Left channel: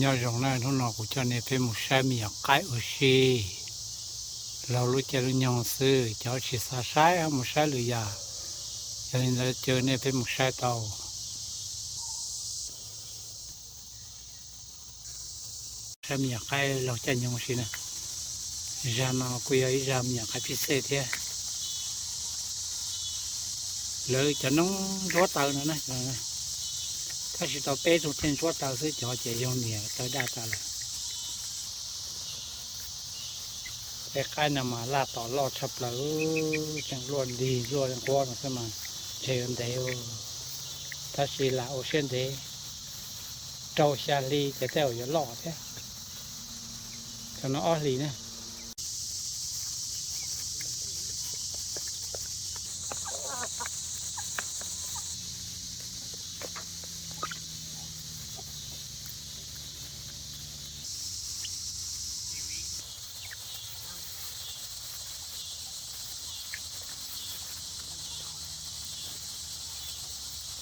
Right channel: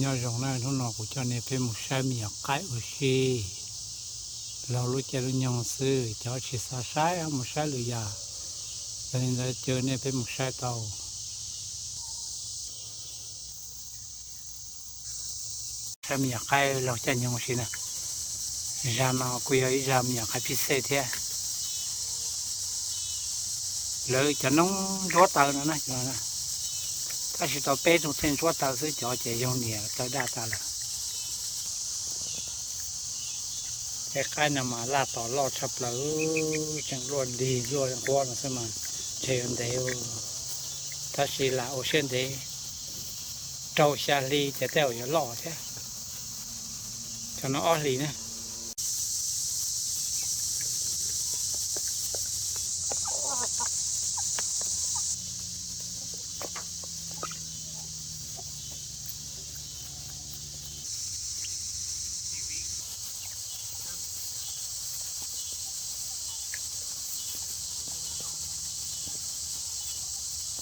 nhớ rằng là nó nọ của cho nên phải một sai miệng cái ở xíเรารู้จักรู้ยังซื้อเจ้าชิสาใช้มุใช้หรือยาจะเห็นเราเจอเนี่ยเป็นมุใช้เตาใช้มีใครเราจะยังสินะจามาคุยกับจามีใครพิเศษแท้เลยจะน้องรัวเตานะถ้าสิต่อเป๊ะทุกเส้นรัวเตาซื้อเจ้าจะยังเนี่ยเตาได้ตาละแต่ใครนำมาลาต่อรอดชับเลยจังล้วนดีล้วนกว้างสมาเชิญเดียวถ้าสิลาโอเชียนเดย์เจ้าชาลีจะเต้าอยู่รอดแท้จะน้องอ้อลีนะ